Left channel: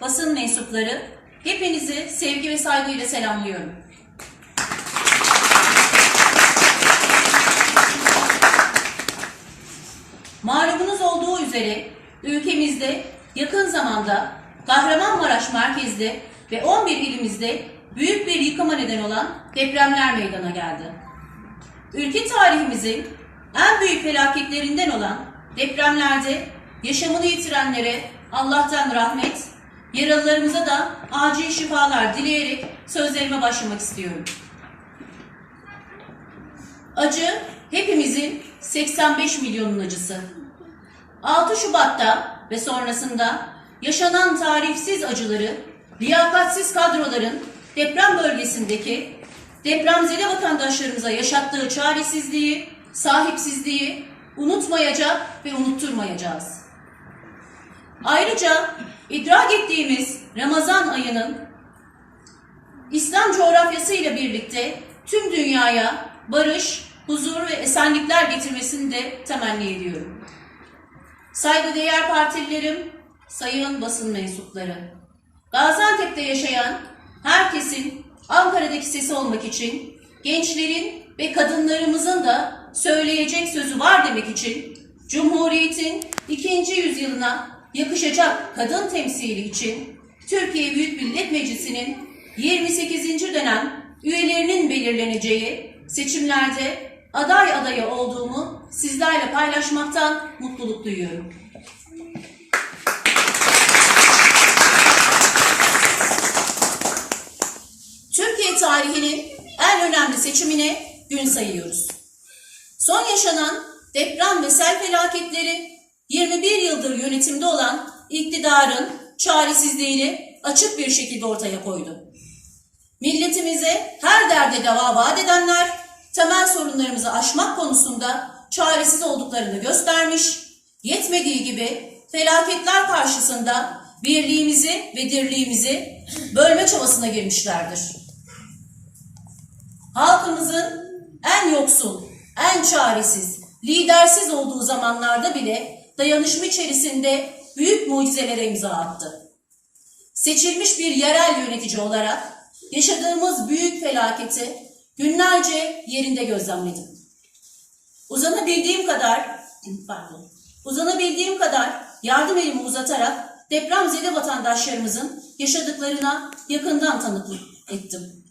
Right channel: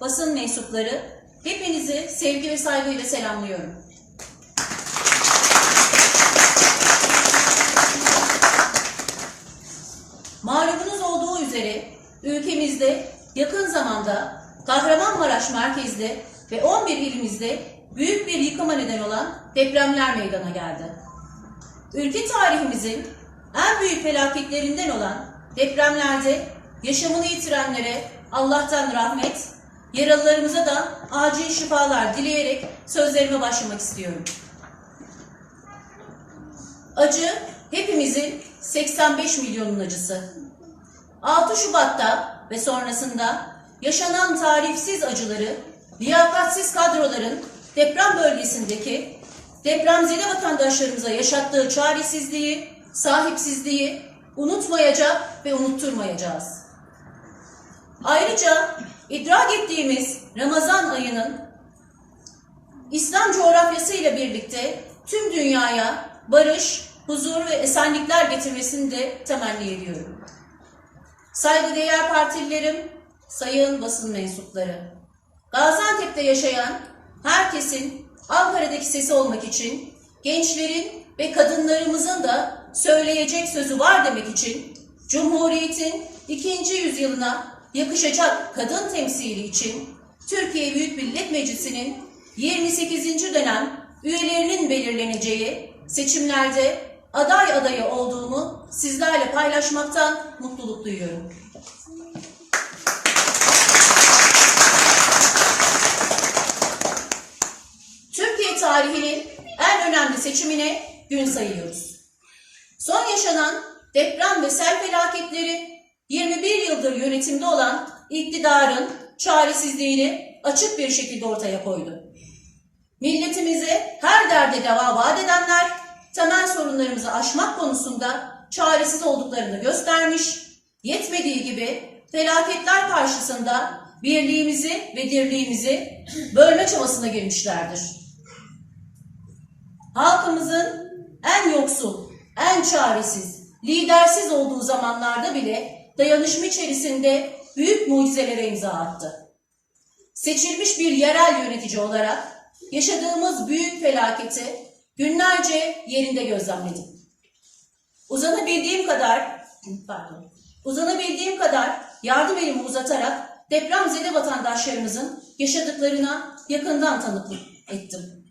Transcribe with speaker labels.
Speaker 1: basın mensupları, hepinizi sevgi ve saygıyla selamlıyorum. Malumunuz olduğu üzere ülkemizde yakın zamanda Kahramanmaraş merkezde ve 11 ilimizde büyük bir yıkıma neden olan depremler meydana geldi. Ülke tarihimizin en büyük felaketlerinden olan depremlerde yaşamını yitirenlere Allah'tan rahmet, yaralılarımıza da acil şifalar dileyerek sözlerime başlamak istiyorum. Acı hepimizin 85 milyonun acısı. 6 Şubat'ta ve sonrasında yaşanan tarifsiz acıları, liyakatsiz kadroların deprem bölgesindeki depremzede vatandaşlarımıza yaşattığı çaresizliği, sahipsizliği unutmayacak ve unutturmayacağız. Ayrıca idrak ettiğimiz Ramazan ayının İslam coğrafyası ile birlikte tüm dünyaya barış, huzur ve esenlikler getirmesini de temenni ediyorum. Saygıdeğer partililerim, sayın basın mensupları, Gaziantep'te yaşayan herkesin Ankara'daki sesi olmak için, gençlerin ve kadınlarımızın da söyleyecek sözü var demek için, Cumhuriyet'in ikinci yüzyılına yakışacak kadın temsili için Türkiye Büyük Millet Meclisi'nin 28. dönem üyelerinin belirleneceği seçimlerde aday adayı olduğumu sizlerle paylaşmaktan mutluluk duyuyorum. Türkiye tarihinin en önemli seçimine gün sayıyoruz. Son yaşanan deprem ve sel felaketleri 21 yıldır yönetimde olan iktidarın çaresizliğini açık bir şekilde ortaya koydu. Milletimize her derde deva vaat edenler temel sorunlarımızı aşmak konusunda çaresiz olduklarını göstermiş, yetmediği gibi felaketler karşısında birliğimizi ve dirliğimizi bölme çabasına girmişlerdir. Halkımızın en yoksul, en çaresiz, lidersiz olduğu zamanlarda bile dayanışma içerisinde büyük mucizelere imza attı. Seçilmiş bir yerel yönetici olarak yaşadığımız büyük felaketi günlerce yerinde gözlemledim. Uzanabildiğim kadar, pardon, uzanabildiğim kadar yardım elimi uzatarak depremzede vatandaşlarımızın yaşadıklarına yakından tanıklık ettim.